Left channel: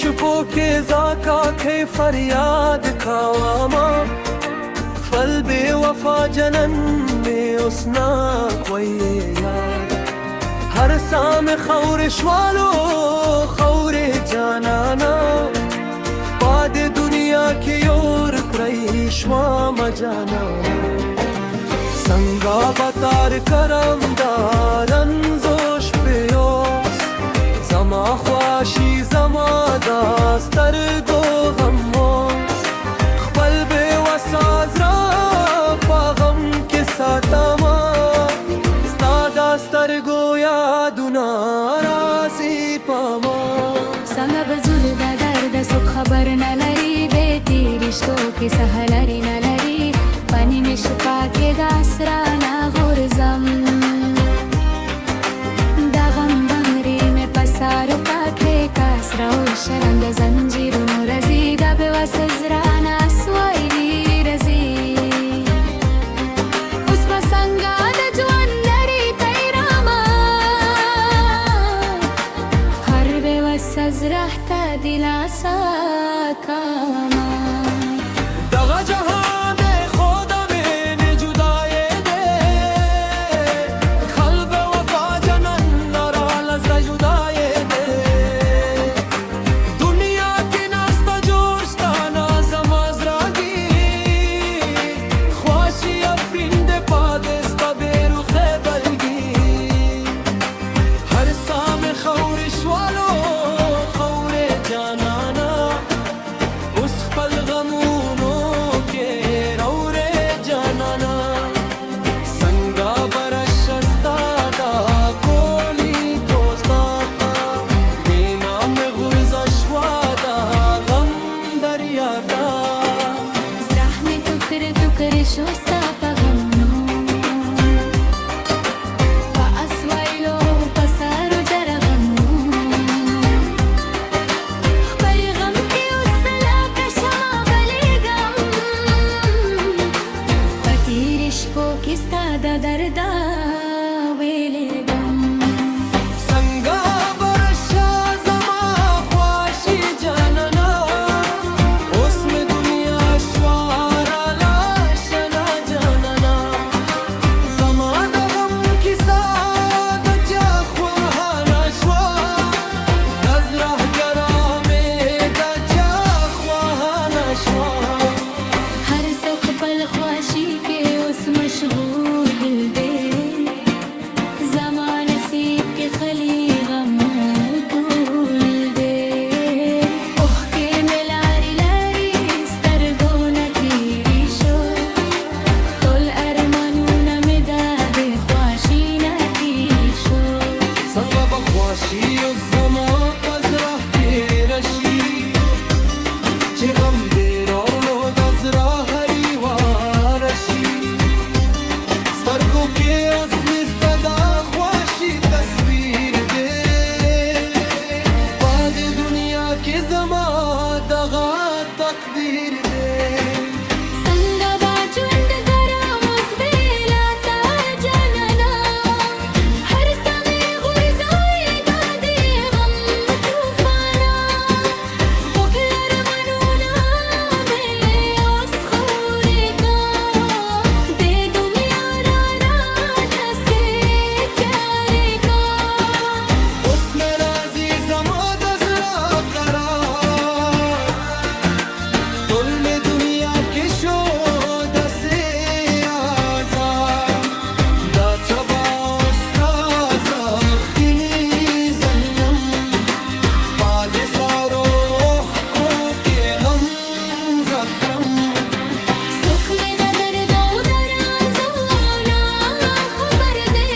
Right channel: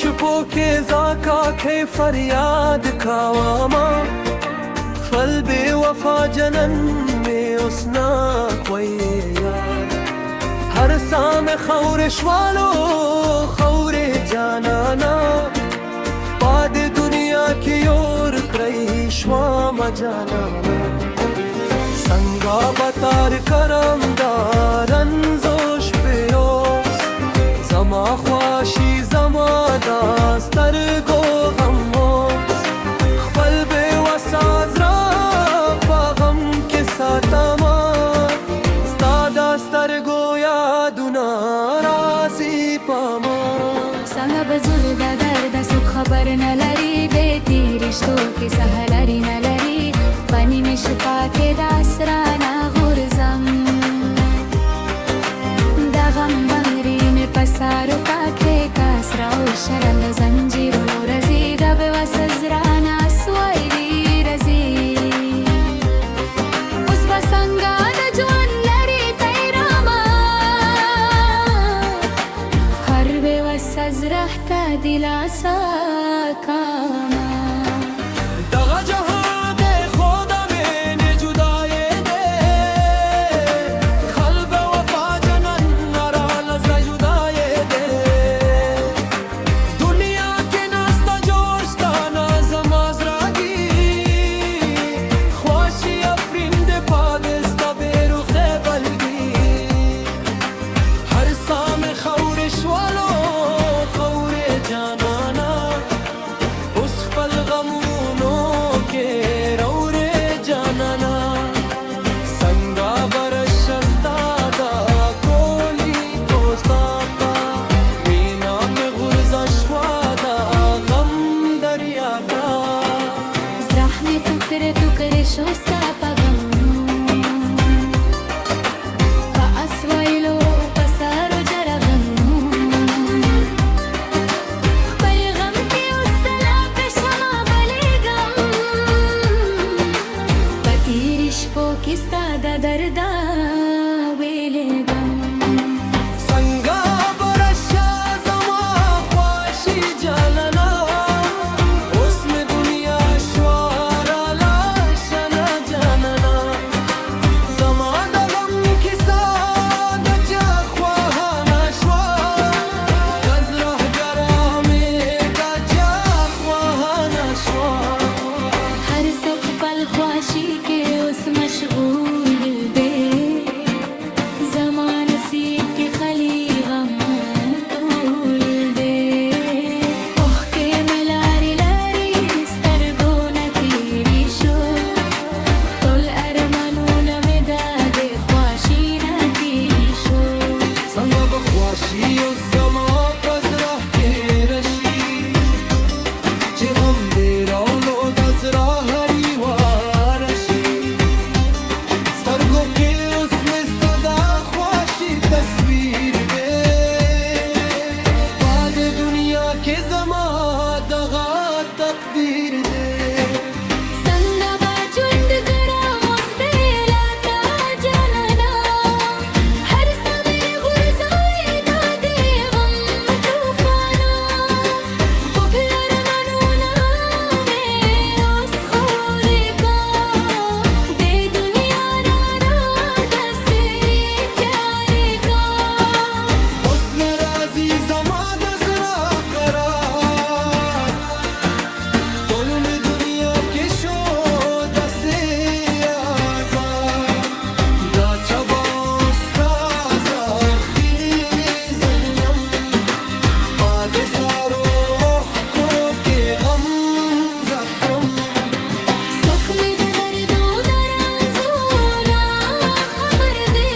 شپو के ज़ाका के फरियाद खावामा फल बेवफा जनन में उसना कोई याद हर साम खौरिश वालो खौरे जानाना बाद दुनिया की ओर क्रईश्वा मजानाना संगा बतार करम दारन जोश पियोस زما خواشی زما داستر گو غموس خپل بے وساز را پا غم کے ساتما ستا داستر گو یادونا رازی پاما څنګه بزول دا درد سو خبر نه لري دې تیرشتو کې سهلري نه لري پنی مشپا کې داسرانا غورزم دا غم بنگری میں پسارو پاکھے کاسراو شرند زنجیرونو رزی دا بے وسزرانا سوائلی رزی اس بسنگا دا جوان لری تیراما ہر بے وسزرح تا دلاسا کاما دغا جہاں دے خودا میں نے جدائے دے قلب وفا جنن نرا لزر جدائے دے دنیا کے ناستا جوشتا نازم ازراگی خواشی افرند پادستا بیروخ بلگی ہر سام خورش والو خور جانانا اس خپل غمونو کے رورے جانانا سنگا برشستا دا کولی کوستاتا مینا میں غرزا شوادا غم دریاتا زرح میں ٹکر شوستا پا غمنو پا اسوائلو پا سارو جرا غمنو خپل غم کے اس سلا کشما بلے غم پا تیرش پو کستا دا دردا ویلے غم سنگا برشا زما خواشی جاننا اس میں دنیا شوارا لاشنا جاننا زما دا غم کسا دا جا خواہانا شوا گزرہ گرامے دا جا خواہانا شوا ہر سوق پل خواشی کے اس مشغول دل دے زمان نصیب کے خلی غم طول دے اوہ کے ملاری لاری سترگو نتیری شو تول ارمانو نمداد خواشی نتیری شو سنگا بخواشی و زما پزرہ کے رشی چه غم دیر اور لو دزرا ہری وارشی سترگو کے اس میں استدا خواشی تصویر دے بعد دنیا کے زما دغا تقدیر دے سنگا باجوند گرام اس بیلا تا جاننا ہر سمے غرزوی دادے غم توفانا پگلر منونا میں اس خورے کا دے دنیا را دسے پیارے کا اس نرازی زما دزرا قرار تل میں دنیا کے شو دسے آزاد دا چبا استازا فیری زنم پاد سارو کو کے غم زکرم سکھ میں دا درد و درازونا خبر دے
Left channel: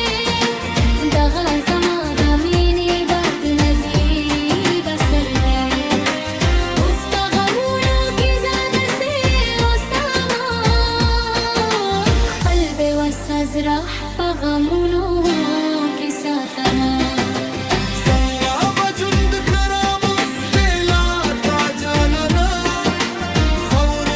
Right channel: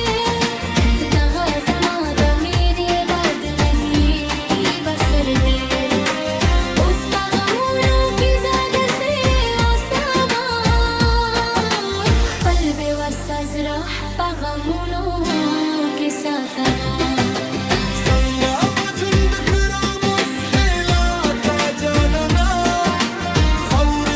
دغا زما دا مینے باد نزیب اثر دے اس کا غمونو کی زیادہ سے اساما خپل بے وسزرح پا غمونو کی ساتما سنگا بجند کرام اس بیلا تا جاننا خور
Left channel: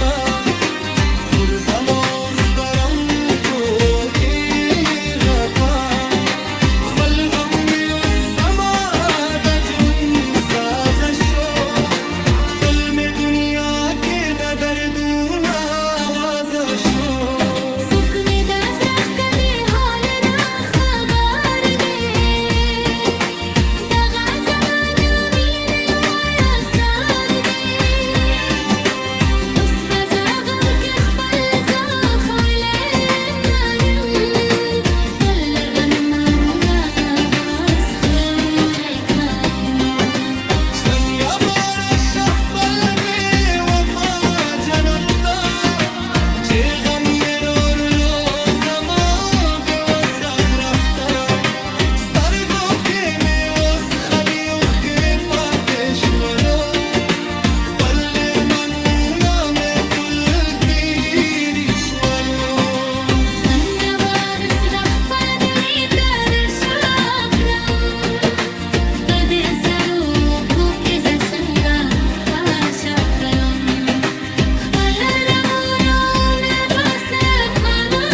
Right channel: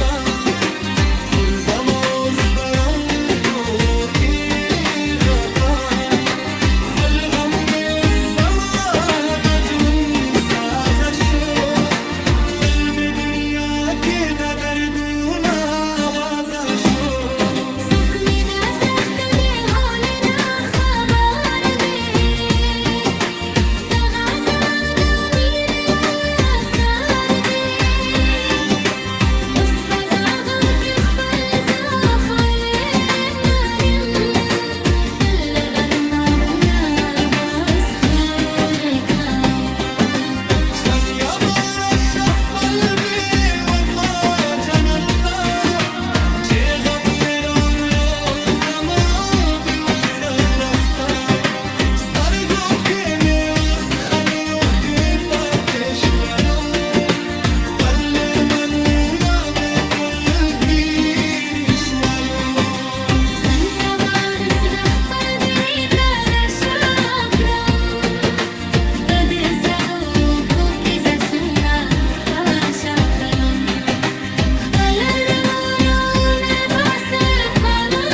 تا خورزم اوس درنګو کې غدا خپل غم مې اوس زما د ژوند ساز شو ټول مې دنیا کې د دردونه آواز شو سوک می داز رخت دی هول نه خبر دی دغه زما د مين لوی اثر دی اوس بزا غم کې خپل زخولې نارم تل لرغن مارنا بس خورې ګرام څنګه بارش خپل بې وفا جنم ته چې غم یې راوړلو زما بې وسه زړه ته سترګو کې مې اوس خلي اوښکې پاتې شولو پر مېرمنونه مې ټول تېرې شولو څنګه بارس خپل ویني ته راشا کړم په دې سروکو کې زه څنګه آشا کړم خپل رمانونه بس فنا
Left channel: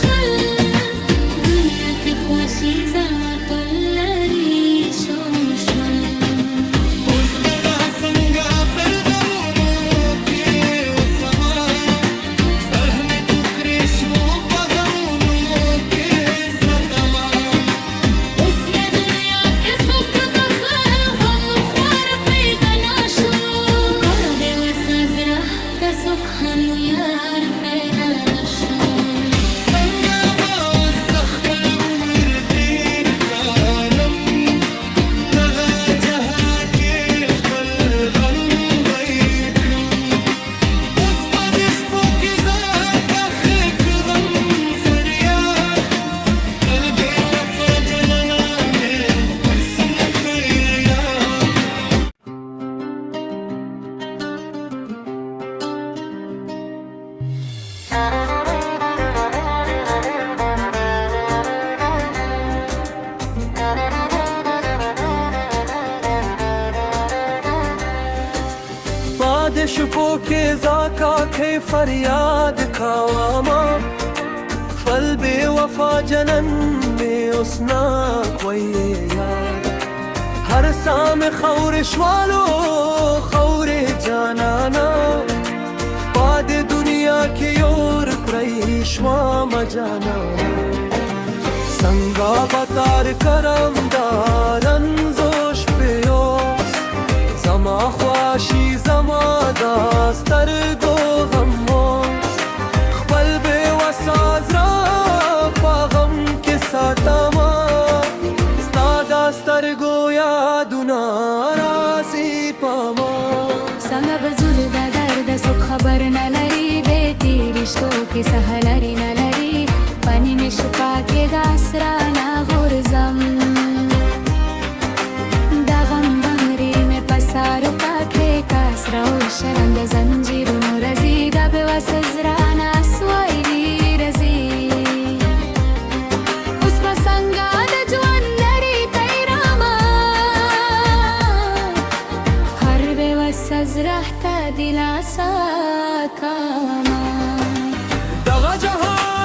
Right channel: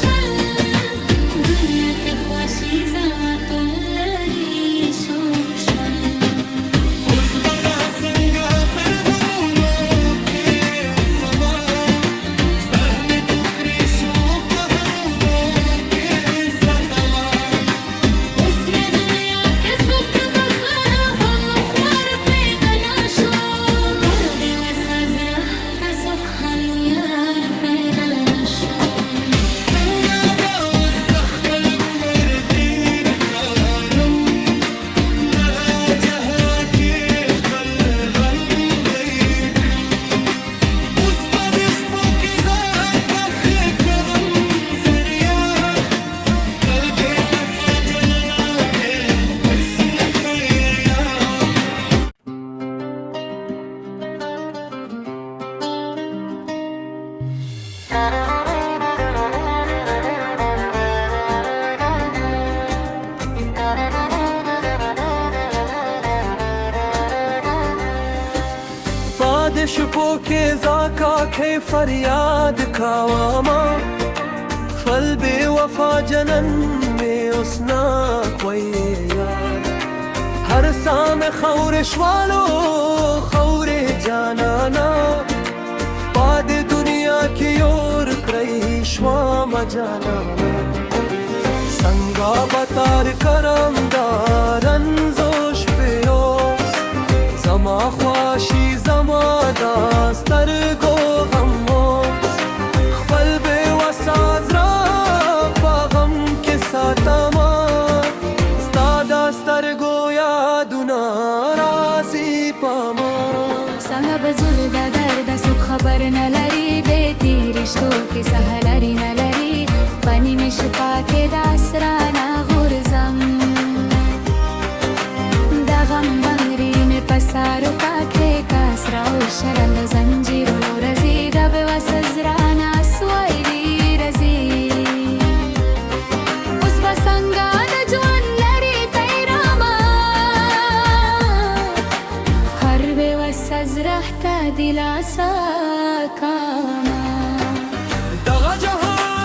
شول دنیا کې خوښي زما ټول لرې شو شول اوس به زه څنګه پر غمونو کې اوسمه سر مې تو کړې شو په غمونو کې ستمه اوس مې دنیا کې څوک د زه غم خوار پیدا نه شو کله بې وسه زړه ته څوک هم یار پیدا نه شو څنګه به اوس زه خپل عمر تېر کړم دغه جهان کې خپل غم به یې کړم اوس په دې شپو کې زه کښې کړم فریاد پر بې وفا جنانه مې هر څه نه پوهېږم پاد شپو کې زاکا کې فریاد کاواما خپل بے وفا جنن میں اسنا کوئی یاد هر سام خور شوالو خور جانانا پاد دنیا کې اور کړی شوام جانانا څنګه بتار کرم دارن زوش پیوس زما خواشي زما داسترګو غموس خپل بې وسه زړه په غم کې ساتمه ستا دا سترګو یادونه راځي په ما څنګه به زور د درد څوک خبر نه لري د تېر رشتو کې سهه لري نه لري پنې مې شپه کې د اسرانه غورځم د غم بنګري مې په سارو پاکې کاسره او شرنده زنجیرونو رځي د بې وسه زړه نه سوایلي رځي اوس به څنګه د ژوند لرې تیرامه هر بې وسه زړه ته دلاسا کامه دغه جهان